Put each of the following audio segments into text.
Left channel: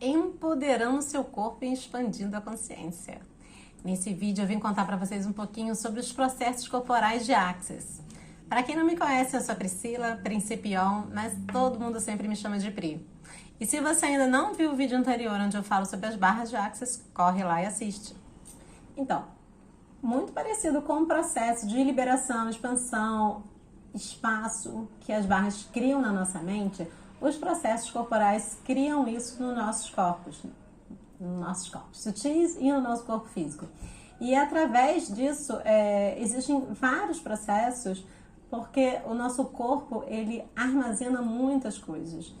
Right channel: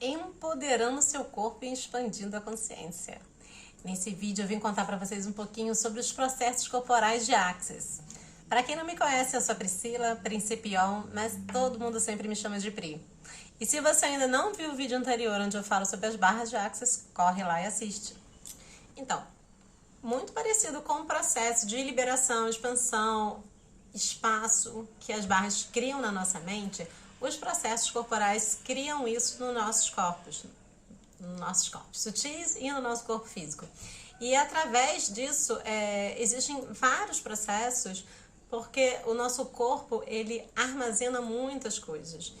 empoderando seu corpo e expandindo a consciência. Nesse vídeo eu vim contar para vocês um pouquinho sobre os processos corporais de Axis. Para quem não me conhece, eu sou a Priscila, Principion, mas todo mundo sempre me chama de Pri. E se você ainda não viu o vídeo anterior onde eu falo sobre as barras de Axis, corre lá e assiste. Então, muito parecido com o processo de liberação, expansão, espaço que as barras criam na nossa mente, os processos corporais criam isso nos nossos corpos sutis e no nosso corpo físico. E através disso, existem vários processos, porque o nosso corpo, ele armazena muitas coisas.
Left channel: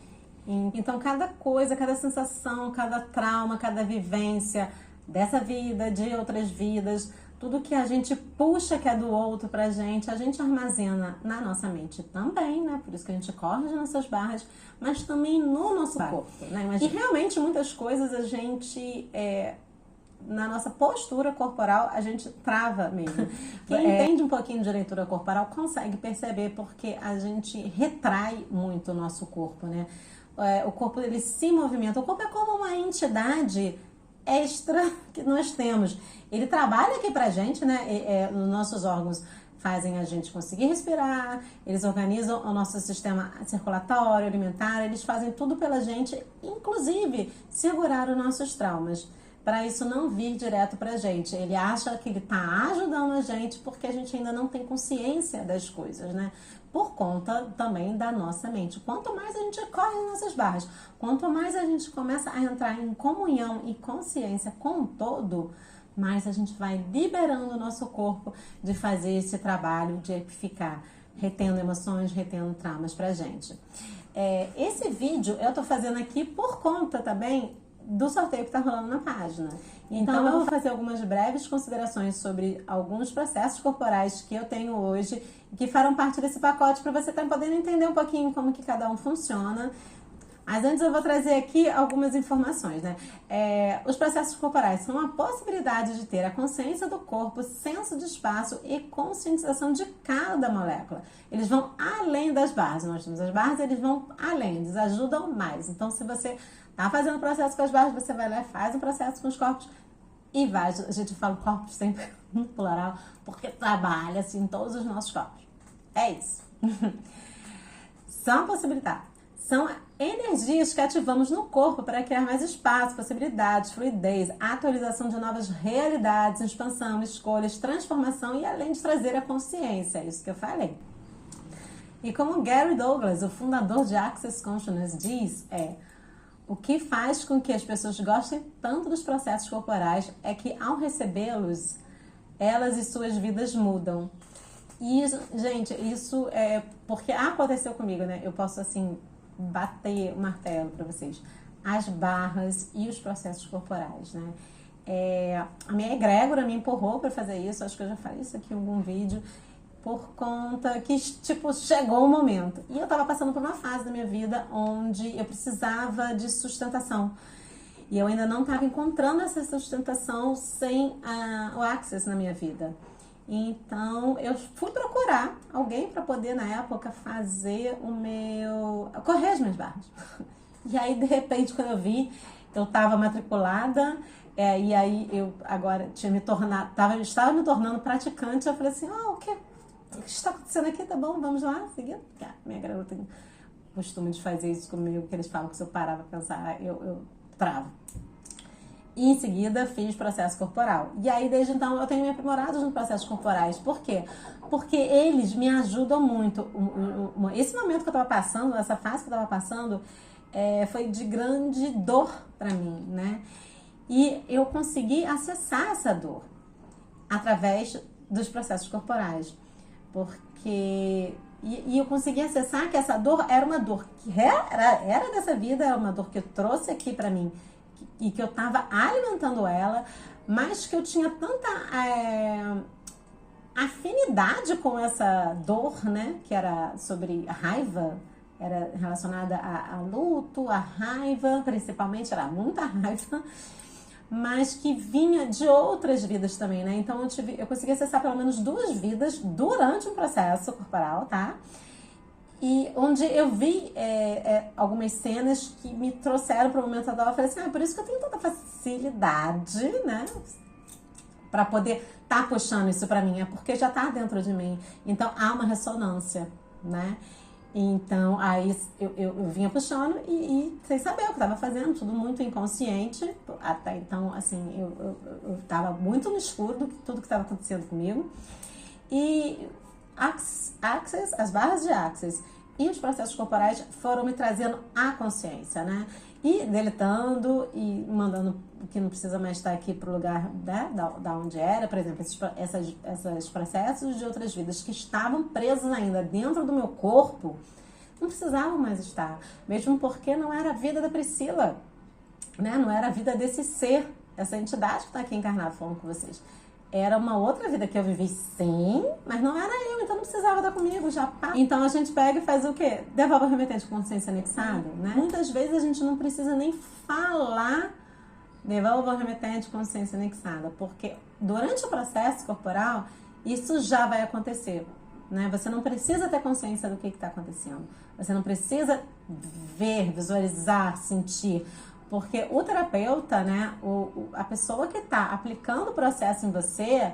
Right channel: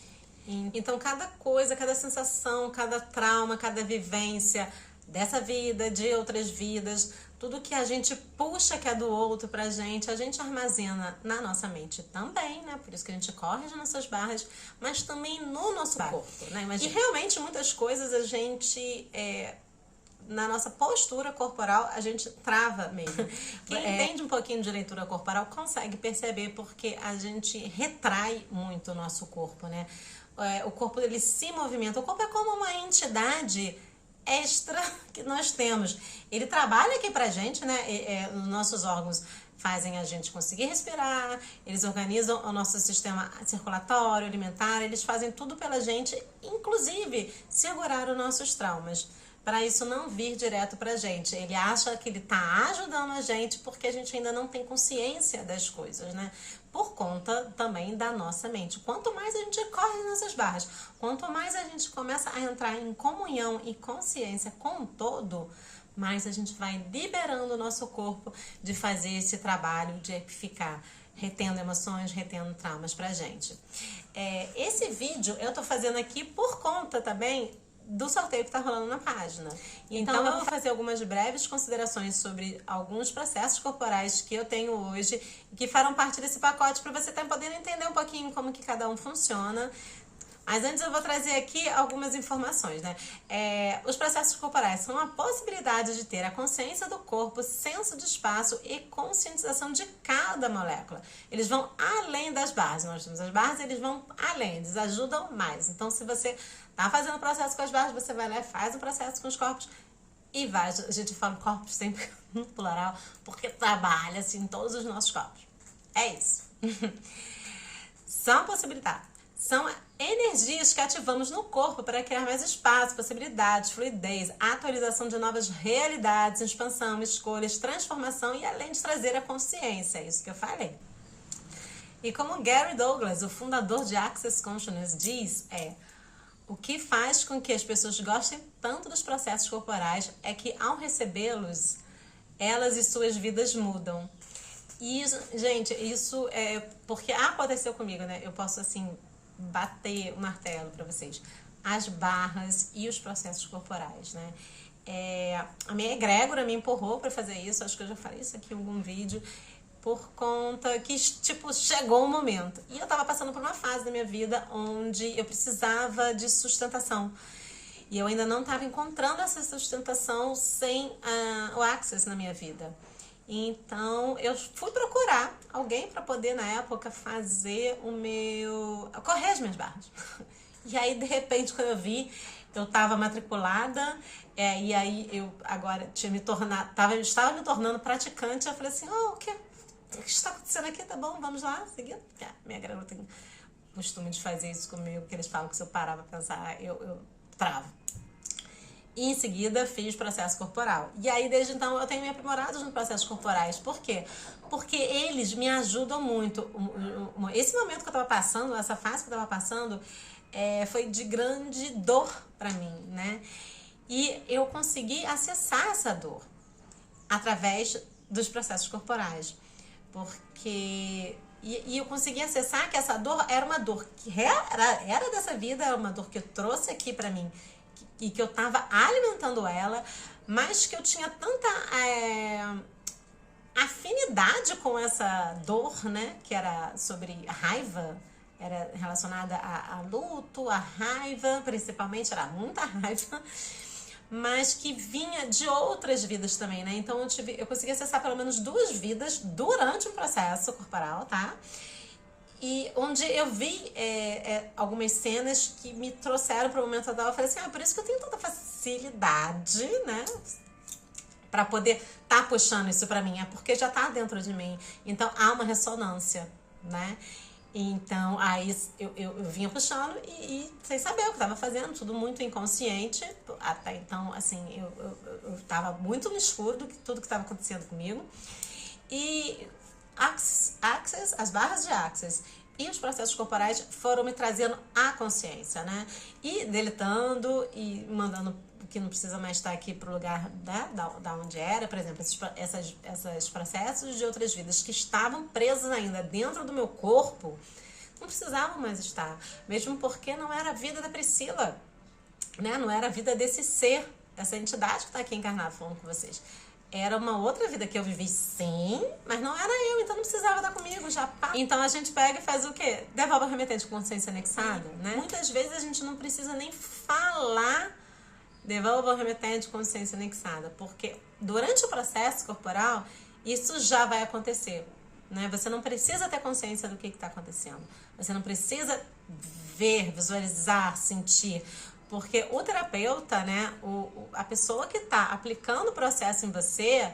Então, cada coisa, cada sensação, cada trauma, cada vivência dessa vida, de outras vidas, tudo que a gente puxa que é do outro pra gente, a gente armazena na nossa mente também, né? Por isso que a gente corre as nossas barras, mas também no nosso corpo, né? E realmente muitas coisas a gente, na nossa postura corporal, a gente trava mesmo. Quem entende um pouquinho de leitura corporal consegue perceber, porque a gente retrai muito o nosso corpo, né? O corpo, ele se movimenta. O corpo é como uma entidade extra que nós temos. Ele trabalha aqui pra gente, né? Os nossos órgãos fazem a gente conseguir respirar, eles organizam o nosso sistema circulatório, alimentar, eles fazem tudo pela gente, inclusive segurar os nossos traumas, para isso não vir direto pra gente. Ele acha que ele tá ajudando a gente porque a gente ainda não tem consciência das coisas, né? Por conta também da nossa mente. Quanto mais a gente corre nessas barras, quanto mais a gente começa a entrar em comunhão e consciência com o todo, mais a gente vai liberando o nosso corpo de fazer esse trabalho de ficar retendo emoções, retendo traumas pra gente. Esse vídeo eu tô fazendo aqui por conta também do sorteio que está rolando na página. Então eu vou fazer algumas breves considerações sobre alguns processos corporais que eu tenho hoje e que farão parte desse pacote para você estar podendo entender um pouquinho como que cada um funciona. Mas antes eu vou trazer aqui algumas informações, né? Os processos corporais são a possibilidade de ter a consciência do corpo, senso de espaço e conscientização de cada molécula. Eles vão além das barras. Nós temos as barras, eles vão além, eles ajudam mais. Então, se você tá fazendo processo com as barras, você vai lá e faz um processo com os corpos e vai. A gente fala corpos sempre no plural, porque trabalha assim em todos os nossos corpos. É isso. São possibilidades. São energias que ativamos no corpo para criar mais espaço, possibilidades, fluidez, atualização de novas realidades, expansão, escolhas, transformação e além de trazer a consciência. É isso que eu falei. E como Gary Douglas, o fundador de Access Consciousness, diz, o que faz com que as pessoas gostem tanto dos processos corporais é que, ao recebê-los, elas e suas vidas mudam. E, gente, isso é porque aconteceu comigo, né? Eu posso, assim, bater o martelo para vocês. As barras e os processos corporais, né? A minha egrégora me empurrou para fazer isso. Acho que eu já falei isso aqui em algum vídeo. Por conta que, tipo, chegou o momento. E eu tava passando por uma fase da minha vida onde eu precisava de sustentação. E eu ainda não estava encontrando essa sustentação sem o Access na minha vida. Então, eu fui procurar alguém para poder, na época, fazer correr as minhas barras. E aí, de repente, quando eu vi, eu estava matriculada, e aí eu agora estava me tornando praticante. Eu falei assim, o que está acontecendo aqui? Tá bom, vamos lá, seguindo. Minha garota tem o costume de fazer isso comigo, que eles falam que se eu parar pra pensar, eu travo. E em seguida fiz processo corporal. E aí, desde então, eu tenho me aprimorado nos processos corporais. Por quê? Porque eles me ajudam muito. Esse momento que eu estava passando, essa fase que eu estava passando, foi de grande dor para mim, né? E eu consegui acessar essa dor através dos processos corporais. Porque eu consegui acessar que essa dor era uma dor que era dessa vida, era uma dor que eu trouxe aqui pra mim e que eu tava alimentando ela, mas que eu tinha tanta afinidade com essa dor, né, que era sobre a raiva, era relacionada a luto, a raiva, principalmente, era muita raiva, mas que vinha de outras vidas também, né? Então eu consegui acessar pelo menos 2 vidas durante um processo corporal, tá? E onde eu vi algumas cenas que me trouxeram para o momento atual. Eu falei assim, por isso que eu tenho tanta facilidade, né? Para poder estar puxando isso para mim. É porque já está dentro de mim. Então, há uma ressonância, né? Então, aí eu vinha puxando e sem saber o que estava fazendo. Tudo muito inconsciente. Até então, assim, eu estava muito no escuro do que tudo que estava acontecendo comigo. E as barras de Access e os processos corporais foram me trazendo a consciência, né? E deletando e mandando o que não precisa mais estar aqui para o lugar da onde era, por exemplo, esses processos de outras vidas que estavam presos ainda dentro do meu corpo, não precisavam mais estar, mesmo porque não era a vida da Priscila, né? Não era a vida desse ser, essa entidade que está aqui encarnada falando com vocês. Era uma outra vida que eu vivi, sim, mas não era eu, então não precisava estar comigo, já pá. Então a gente pega e faz o quê? Devolve o remetente com consciência anexada, né? Muitas vezes a gente não precisa nem falar devolva o remetente com consciência anexada, porque durante o processo corporal, isso já vai acontecer, né? Você não precisa ter consciência do que está acontecendo. Você não precisa ver, visualizar, sentir. Porque o terapeuta, né, a pessoa que está aplicando o processo em você,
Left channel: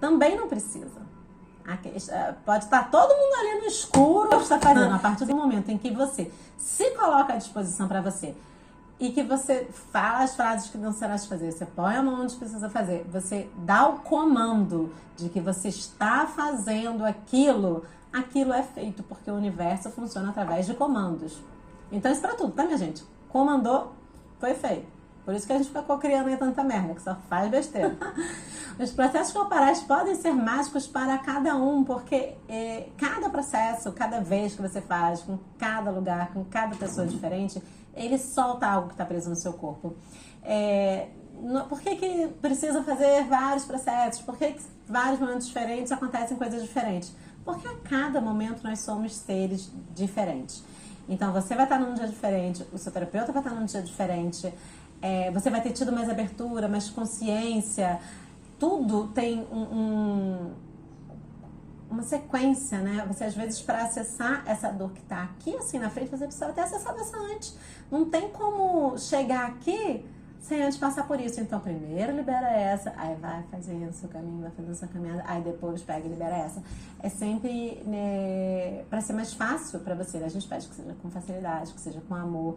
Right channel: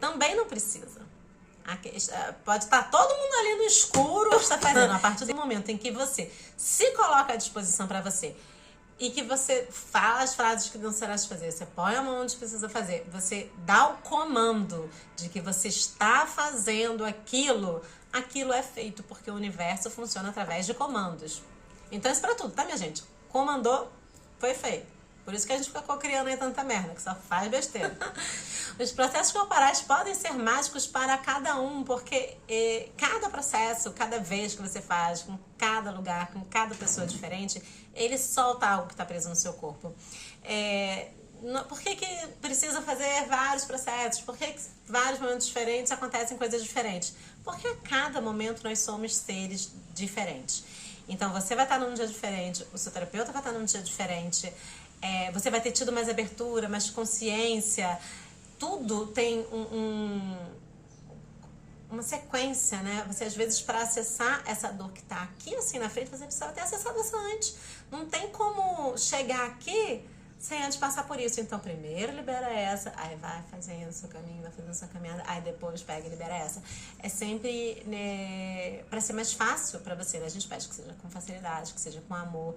também não precisa. Pode estar todo mundo ali no escuro, está fazendo. A partir do momento em que você se coloca à disposição para você e que você fala as frases que não será de fazer, você põe a mão onde precisa fazer, você dá o comando de que você está fazendo aquilo é feito, porque o universo funciona através de comandos. Então isso para tudo, tá, minha gente? Comandou, foi feito. Por isso que a gente ficou criando aí tanta merda, que só faz besteira. Os processos corporais podem ser mágicos para cada um, porque cada processo, cada vez que você faz, com cada lugar, com cada pessoa diferente, ele solta algo que está preso no seu corpo. Por que precisa fazer vários processos? Por que vários momentos diferentes acontecem coisas diferentes? Porque a cada momento nós somos seres diferentes. Então, você vai estar num dia diferente, o seu terapeuta vai estar num dia diferente, você vai ter tido mais abertura, mais consciência. Tudo tem uma sequência, né? Você, às vezes, para acessar essa dor que está aqui, assim, na frente, você precisa ter acessado essa antes. Não tem como chegar aqui sem antes passar por isso. Então, primeiro libera essa, aí vai fazendo o seu caminho, vai fazendo a sua caminhada, aí depois pega e libera essa. É sempre, né, para ser mais fácil para você, né? A gente pede que seja com facilidade, que seja com amor,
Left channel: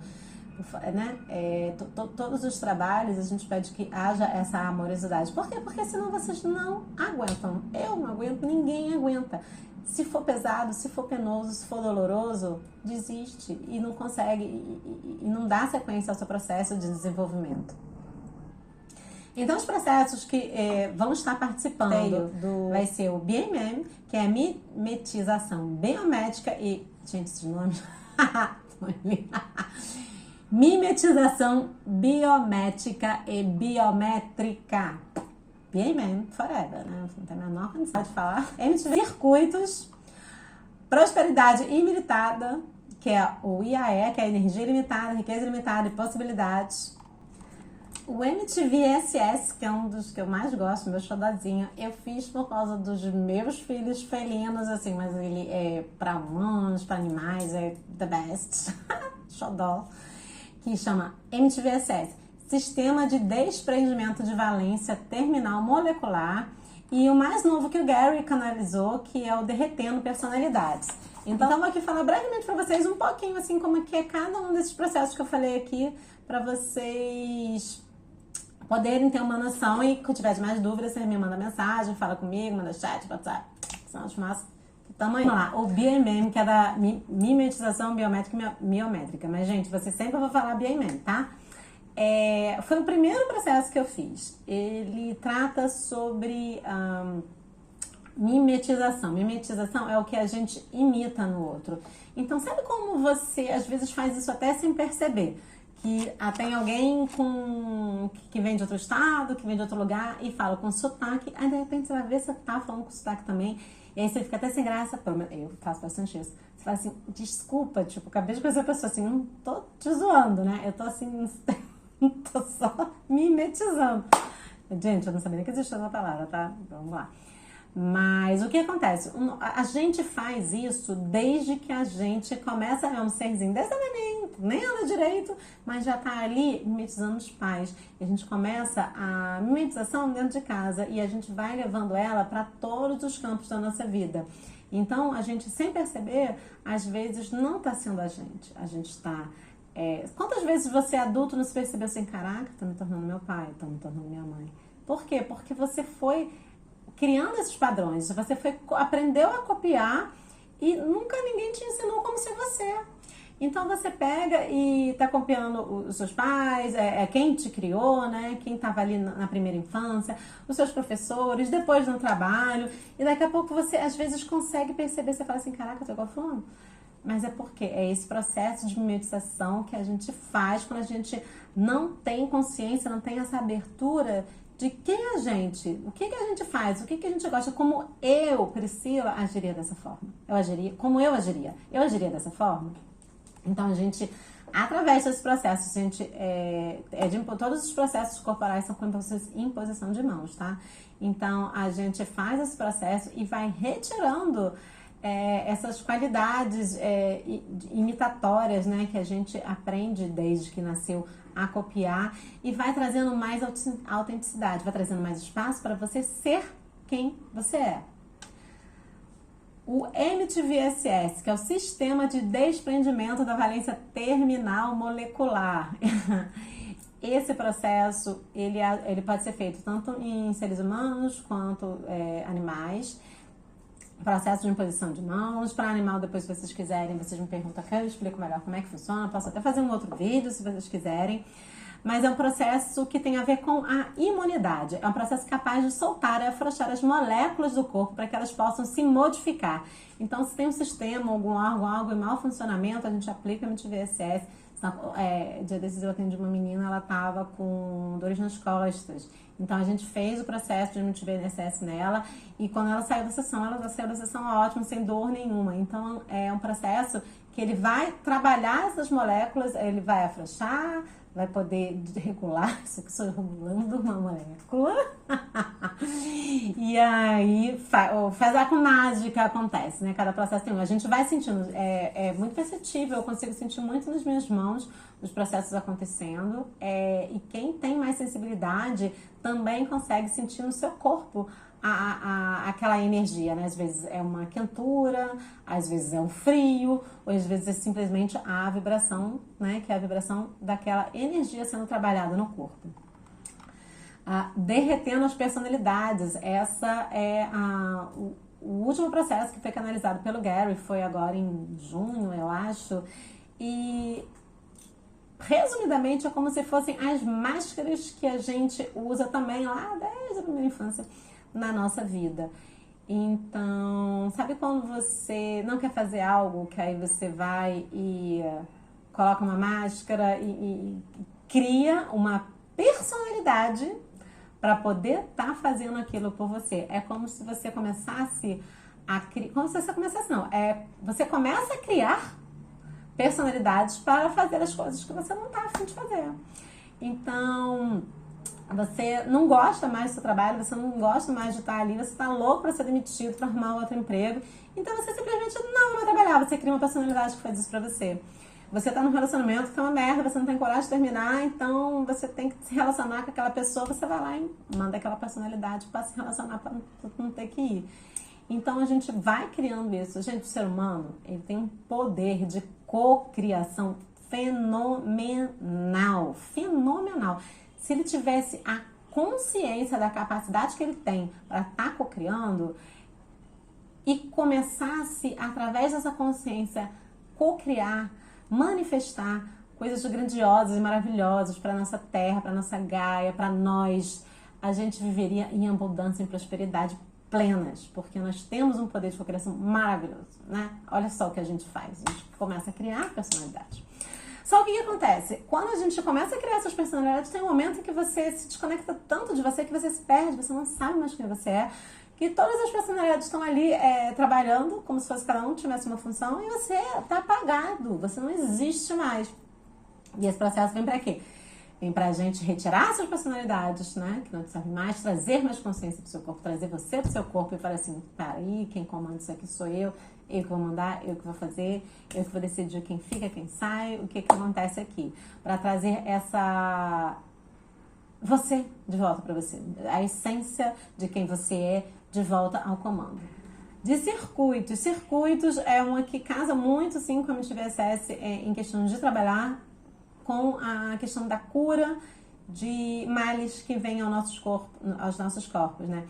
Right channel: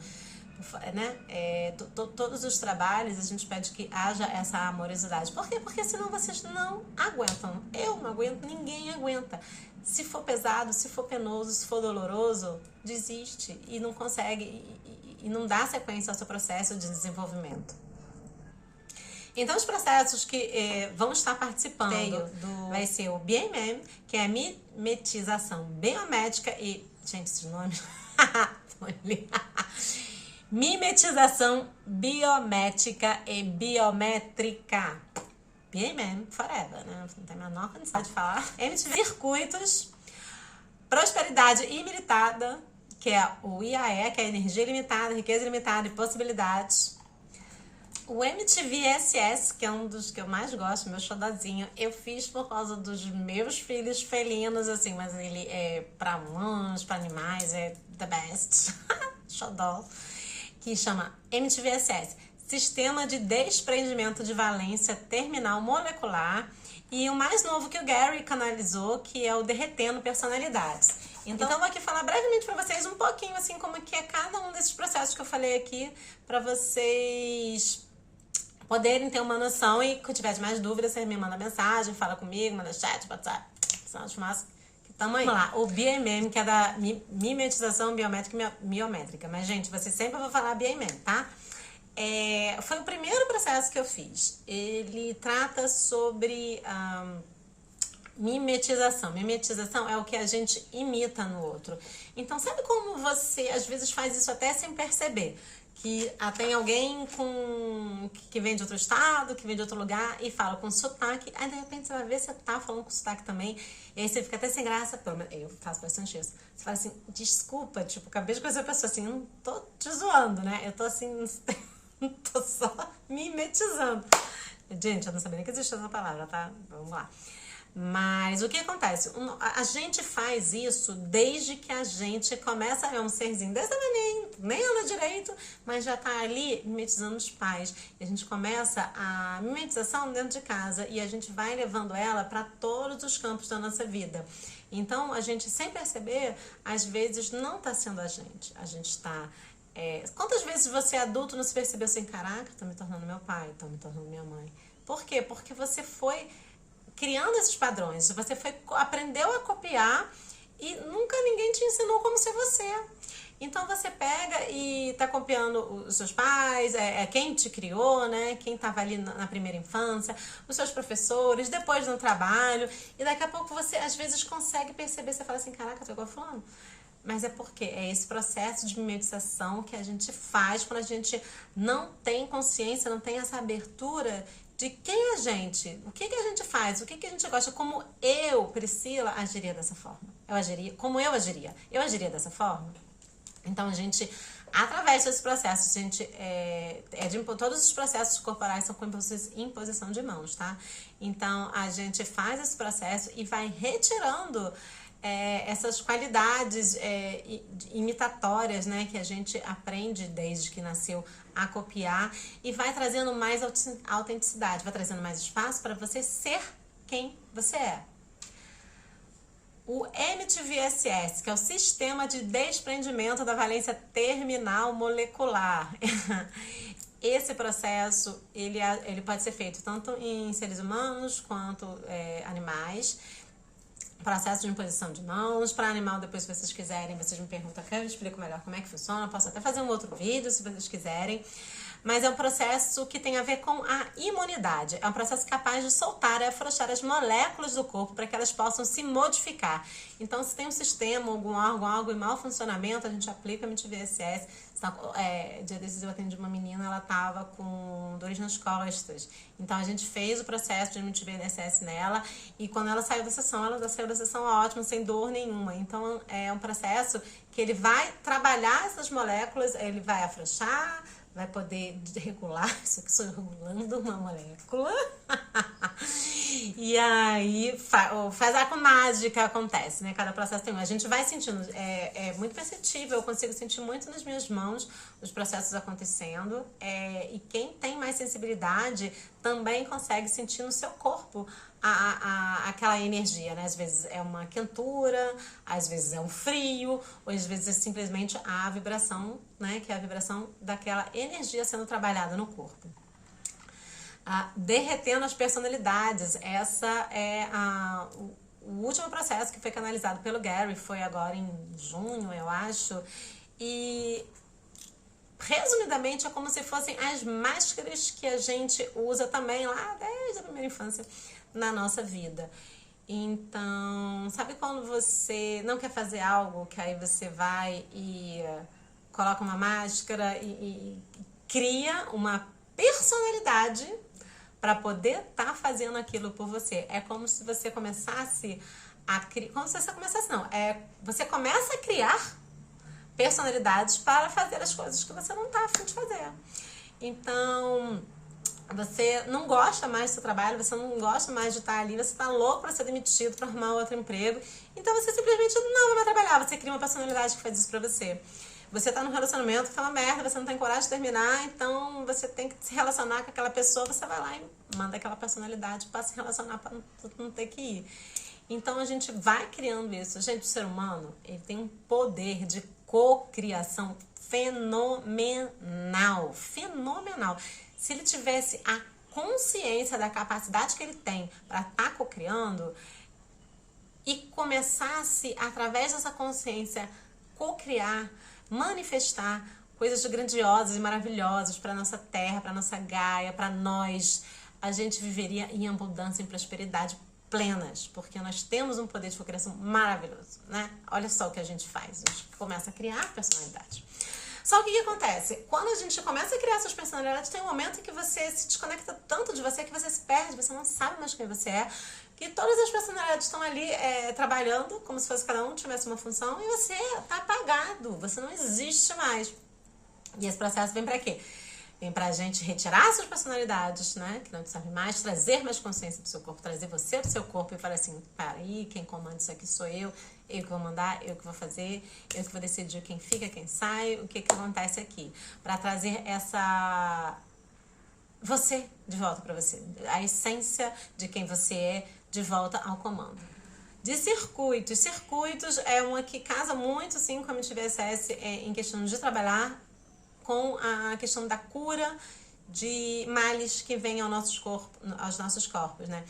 né? Todos os trabalhos a gente pede que haja essa amorosidade. Por quê? Porque senão vocês não aguentam. Eu não aguento, ninguém aguenta. Se for pesado, se for penoso, se for doloroso, desiste e não consegue e não dá sequência ao seu processo de desenvolvimento. Então, os processos que vão estar participando vai ser o BMM, que é a mimetização biométrica e... Gente, esses nomes... Mimetização biométrica e biométrica. BMM forever, né? Não tem a menor condição de falar. MTV Circuitos, Prosperidade Ilimitada, que é o IAE, que é Energia Ilimitada, Riqueza Ilimitada e Possibilidades. O MTV SS, que é um dos que eu mais gosto, meu xodozinho, eu fiz por causa dos meus filhos felinos, assim, mas ele é para humanos, para animais, é the best. Xodó. Que chama MTV-SS, Sistema de Desprendimento de Valência Terminal Molecular, e o mais novo que o Gary canalizou, que é o Derretendo Personalidades. Então, eu vou aqui falar brevemente para vocês um pouquinho, assim, como que é cada um desses processos que eu falei aqui, para vocês poderem ter uma noção, e se tiver de mais dúvidas, você me manda mensagem, fala comigo, manda chat, WhatsApp, são de massa. Tamo aí. Vamos lá, o BMM, que é da mimetização biométrica e miométrica. Mas, gente, você sempre vai falar BMM, tá? Foi o primeiro processo que eu fiz. Ele trata sobre mimetização. Mimetização é o que a gente imita no outro. Então, sabe como você, às vezes, faz isso até sem perceber? Que tem alguém que vem de outro estado, que vem de outro lugar e fala com sotaque. Aí, de repente, você vai ver se você tá falando com sotaque também. E aí você fica até sem graça. Eu faço bastante isso. Você fala assim, desculpa, tipo, acabei de conhecer a pessoa assim, não tô te zoando, né? Eu tô assim, não tô só mimetizando. Gente, eu não sabia nem que existia essa palavra, tá? Vamos lá. Mas o que acontece? A gente faz isso desde que a gente começa, é um serzinho desse tamanho, nem anda direito, mas já tá ali mimetizando os pais. E a gente começa a mimetização dentro de casa e a gente vai levando ela para todos os campos da nossa vida. Então, a gente, sem perceber, às vezes não tá sendo a gente. A gente está... quantas vezes você adulto não se percebeu assim, caraca, tá me tornando meu pai, tá me tornando minha mãe? Por quê? Porque você foi criando esses padrões, você aprendeu a copiar e nunca ninguém te ensinou como ser você. Então você pega e tá copiando os seus pais, quem te criou, né? Quem estava ali na primeira infância, os seus professores, depois no trabalho, e daqui a pouco você às vezes consegue perceber, você fala assim, caraca, eu tô igual fulano. Mas é porque é esse processo de mimetização que a gente faz quando a gente não tem consciência, não tem essa abertura de quem é a gente, o que a gente faz, o que a gente gosta, como eu, Priscila, agiria dessa forma. Como eu agiria? Eu agiria dessa forma? Então, a gente, através desse processo, a gente, todos os processos corporais são com imposição de mãos, tá? Então, a gente faz esse processo e vai retirando essas qualidades imitatórias, né, que a gente aprende desde que nasceu a copiar e vai trazendo mais autenticidade, vai trazendo mais espaço para você ser quem você é. O MTVSS, que é o Sistema de Desprendimento da Valência Terminal Molecular. Esse processo, ele pode ser feito tanto em seres humanos quanto animais. Processo de imposição de mãos. Para animal, depois, se vocês quiserem, vocês me perguntam aqui, eu explico melhor como é que funciona. Eu posso até fazer um outro vídeo, se vocês quiserem. Mas é um processo que tem a ver com a imunidade. É um processo capaz de soltar e afrouxar as moléculas do corpo para que elas possam se modificar. Então, se tem um sistema, algum órgão, algo em mau funcionamento, a gente aplica MTVSS. Dia desses eu atendi uma menina, ela estava com dores nas costas. Então, a gente fez o processo de MTVSS nela e quando ela saiu da sessão ótima, sem dor nenhuma. Então, é um processo que ele vai trabalhar essas moléculas, ele vai afrouxar, vai poder regular, isso aqui sou eu regulando uma molécula. E aí faz a mágica acontece, né? Cada processo tem um. A gente vai sentindo, é muito perceptível, eu consigo sentir muito nas minhas mãos os processos acontecendo. E quem tem mais sensibilidade também consegue sentir no seu corpo aquela energia, né? Às vezes é uma quentura, às vezes é um frio, ou às vezes é simplesmente a vibração, né? Que é a vibração daquela energia sendo trabalhada no corpo. Derretendo as personalidades. Essa é o último processo que foi canalizado pelo Gary, foi agora em junho, eu acho, e resumidamente é como se fossem as máscaras que a gente usa também lá desde a primeira infância na nossa vida. Então, sabe quando você não quer fazer algo, que aí você vai e coloca uma máscara e cria uma personalidade para poder estar fazendo aquilo por você? É como se você começasse a criar, você começa a criar personalidades para fazer as coisas que você não está a fim de fazer. Então, você não gosta mais do seu trabalho, você não gosta mais de estar ali, você está louco para ser demitido, para arrumar outro emprego, então você simplesmente não vai mais trabalhar, você cria uma personalidade que faz isso para você. Você tá num relacionamento que tá uma merda, você não tem coragem de terminar, então você tem que se relacionar com aquela pessoa, você vai lá e manda aquela personalidade para se relacionar, para não ter que ir. Então a gente vai criando isso. Gente, o ser humano, ele tem um poder de cocriação fenomenal. Se ele tivesse a consciência da capacidade que ele tem para estar cocriando e começasse, através dessa consciência, cocriar, manifestar coisas grandiosas e maravilhosas para nossa terra, para nossa Gaia, para nós, a gente viveria em abundância, em prosperidade plenas, porque nós temos um poder de cocriação maravilhoso, né? Olha só o que a gente faz, a gente começa a criar personalidade. Só que o que acontece? Quando a gente começa a criar essas personalidades, tem um momento em que você se desconecta tanto de você que você se perde, você não sabe mais quem você é, que todas as personalidades estão ali trabalhando como se fosse cada um tivesse uma função e você está apagado, você não existe mais. E esse processo vem para quê? vem pra gente retirar suas personalidades, né? Que não te serve mais, trazer mais consciência pro seu corpo, trazer você pro seu corpo e falar assim, peraí, quem comanda isso aqui sou eu que vou mandar, eu que vou fazer, eu que vou decidir quem fica, quem sai, o que acontece aqui. Pra trazer você de volta pra você, a essência de quem você é de volta ao comando. De circuitos. Circuitos é uma que casa muito, sim, com a MTVSS em questão de trabalhar com a questão da cura de males que vêm aos nossos corpos, né?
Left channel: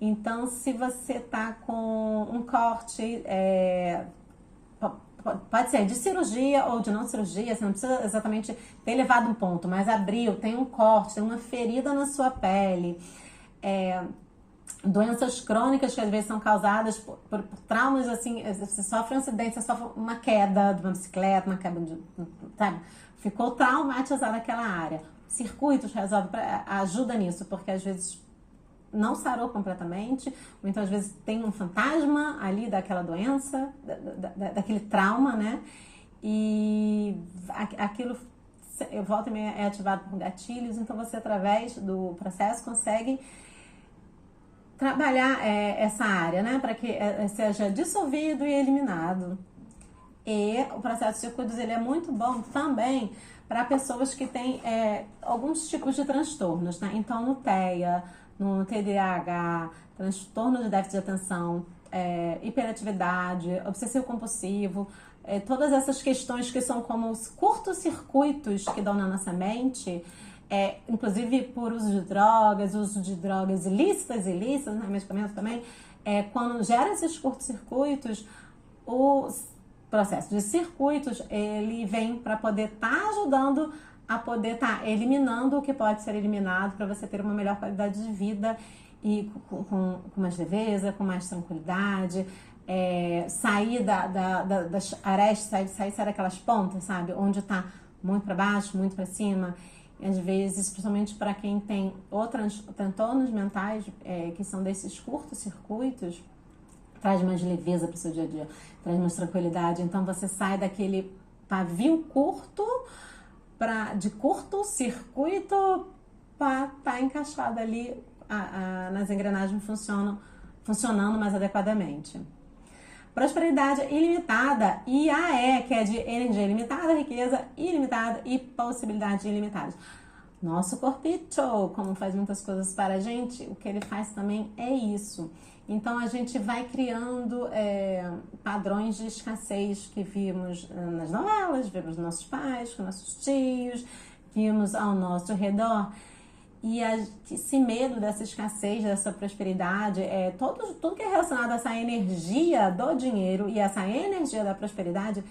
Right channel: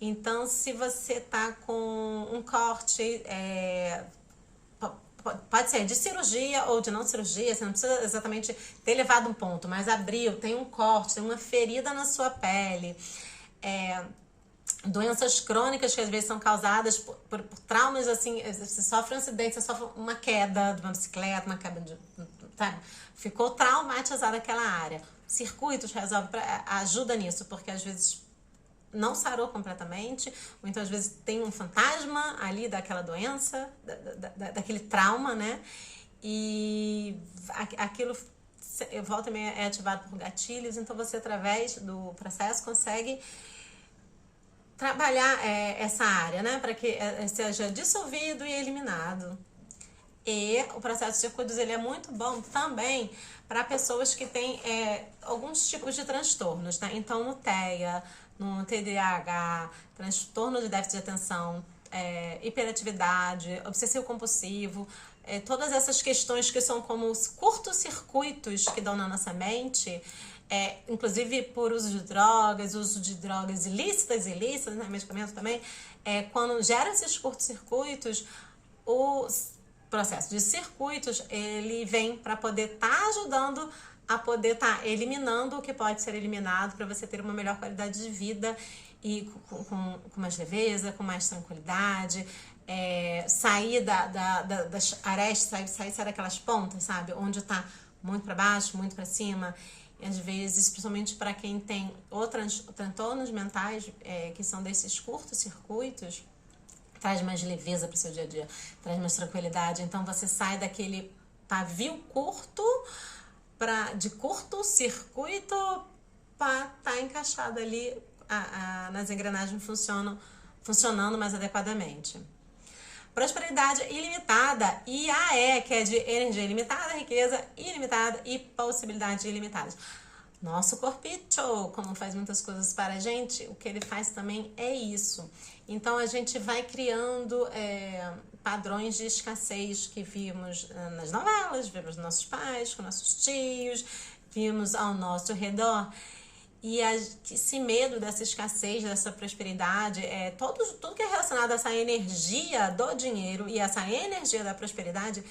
Então, se você tá com um corte, pode ser de cirurgia ou de não cirurgia, você não precisa exatamente ter levado um ponto, mas abriu, tem um corte, tem uma ferida na sua pele, doenças crônicas que às vezes são causadas por traumas, assim, você sofre um acidente, você sofre uma queda de uma bicicleta, uma queda de, sabe? Ficou traumatizada aquela área. Circuitos ajuda nisso, porque às vezes não sarou completamente, ou então às vezes tem um fantasma ali daquela doença, daquele trauma, né? E aquilo volta e meia é ativado por gatilhos, então você através do processo consegue trabalhar essa área, né, para que seja dissolvido e eliminado. E o processo de circuitos ele é muito bom também para pessoas que têm alguns tipos de transtornos, né? Então, no TEA, no TDAH, transtorno de déficit de atenção, hiperatividade, obsessivo compulsivo, todas essas questões que são como os curtos-circuitos que dão na nossa mente, inclusive por uso de drogas ilícitas, né, medicamentos também, quando gera esses curtos-circuitos, o processo de circuitos, ele vem para poder estar ajudando a poder estar eliminando o que pode ser eliminado para você ter uma melhor qualidade de vida e com mais leveza, com mais tranquilidade, sair das arestas, sair daquelas pontas, sabe? Onde está muito para baixo, muito para cima. E às vezes, principalmente para quem tem transtornos mentais, que são desses curtos circuitos, traz mais leveza para o seu dia a dia, traz mais tranquilidade. Então você sai daquele pavio curto de curto circuito para estar encaixado ali nas engrenagens funcionando mais adequadamente. Prosperidade ilimitada, IAE, que é de energia ilimitada, riqueza ilimitada e possibilidades ilimitadas. Nosso corpito, como faz muitas coisas para a gente, o que ele faz também é isso. Então, a gente vai criando padrões de escassez que vimos nas novelas, vimos nos nossos pais, com nossos tios, vimos ao nosso redor. E esse medo dessa escassez, dessa prosperidade, tudo que é relacionado a essa energia do dinheiro e essa energia da prosperidade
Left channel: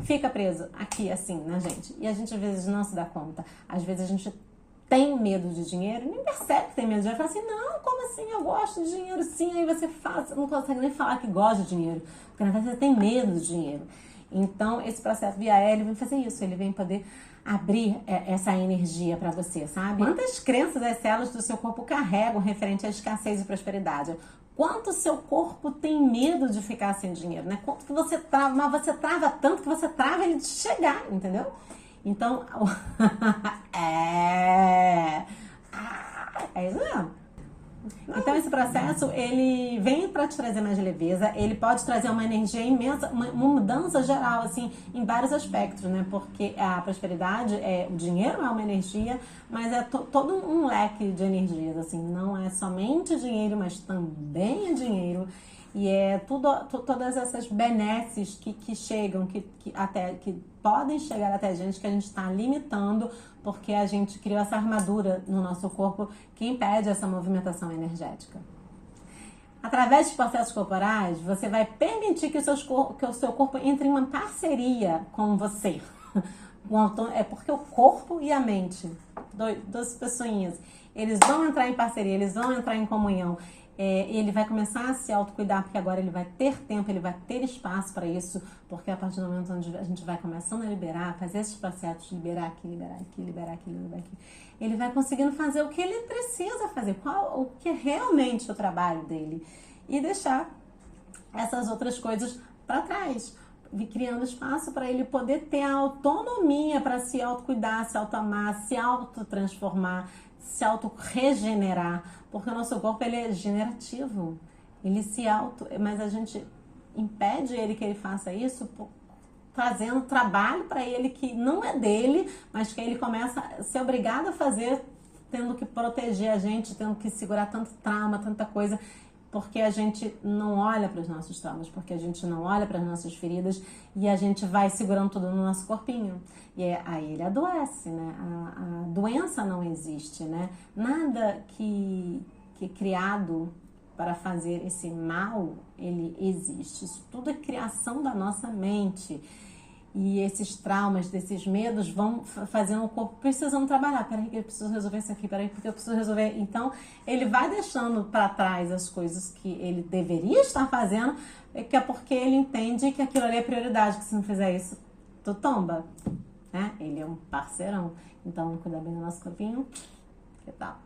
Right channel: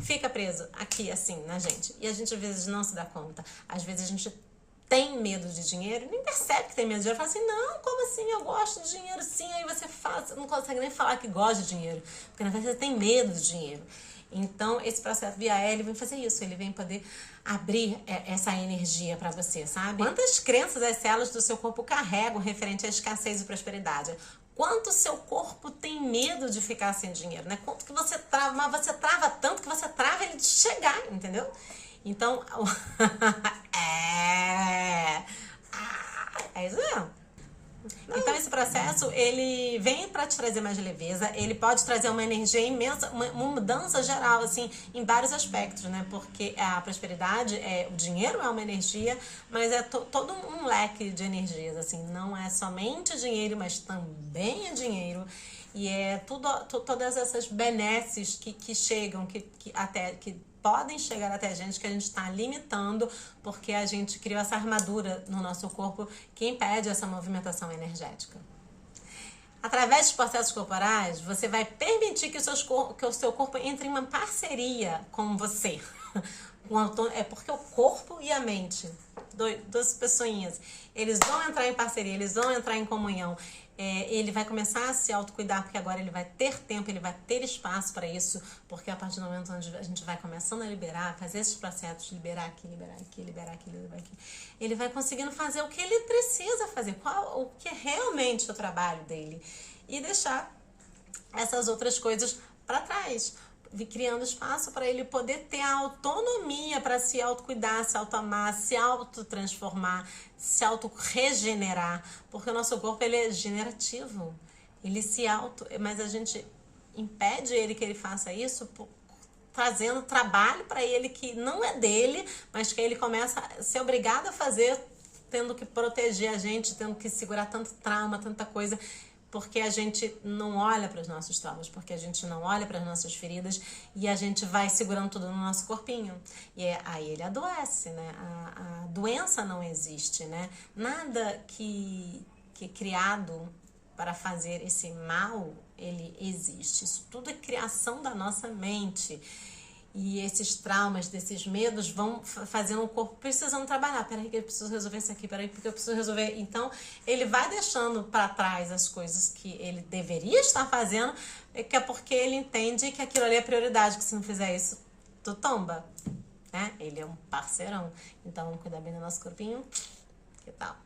fica preso aqui, assim, na gente. E a gente, às vezes, não se dá conta. Às vezes, a gente tem medo de dinheiro, nem percebe que tem medo de dinheiro. Fala assim, não, como assim? Eu gosto de dinheiro, sim. Aí você não consegue nem falar que gosta de dinheiro, porque na verdade você tem medo de dinheiro. Então, esse processo via ele vem fazer isso, ele vem poder abrir essa energia para você, sabe? Quantas crenças as células do seu corpo carregam referente à escassez e prosperidade? Quanto o seu corpo tem medo de ficar sem dinheiro, né? Quanto que você trava, mas você trava tanto que você trava ele de chegar, entendeu? Então, isso mesmo. Então, esse processo, ele vem para te trazer mais leveza, ele pode trazer uma energia imensa, uma mudança geral, assim, em vários aspectos, né? Porque a prosperidade, o dinheiro é uma energia, mas é todo um leque de energias, assim, não é somente dinheiro, mas também é dinheiro. E todas essas benesses que chegam, que podem chegar até a gente, que a gente está limitando, porque a gente criou essa armadura no nosso corpo que impede essa movimentação energética. Através dos processos corporais, você vai permitir que o seu corpo entre em uma parceria com você. É porque o corpo e a mente, duas pessoinhas, eles vão entrar em parceria, eles vão entrar em comunhão. Ele vai começar a se autocuidar, porque agora ele vai ter tempo, ele vai ter espaço para isso, porque a partir do momento onde a gente vai começando a liberar, fazer esses processos, liberar aqui, liberar aqui, liberar aqui, liberar aqui, ele vai conseguindo fazer o que ele precisa fazer, o que é realmente o trabalho dele, e deixar essas outras coisas para trás. criando espaço para ele poder ter a autonomia para se autocuidar, se autoamar, se autotransformar, se auto-regenerar, porque o nosso corpo ele é generativo, ele se mas a gente impede ele que ele faça isso trazendo trabalho para ele que não é dele, mas que ele começa a ser obrigado a fazer, tendo que proteger a gente, tendo que segurar tanto trauma, tanta coisa, porque a gente não olha para os nossos traumas, porque a gente não olha para as nossas feridas e a gente vai segurando tudo no nosso corpinho. E aí ele adoece, né? A doença não existe, né? Nada que é criado para fazer esse mal, ele existe. Isso tudo é criação da nossa mente. E esses traumas, desses medos vão fazendo o corpo precisando trabalhar. Peraí que eu preciso resolver isso aqui, peraí porque eu preciso resolver. Então, ele vai deixando para trás as coisas que ele deveria estar fazendo, que é porque ele entende que aquilo ali é prioridade, que se não fizer isso, tu tomba, né? Ele é um parceirão. Então, cuidar bem do nosso corpinho, que tal?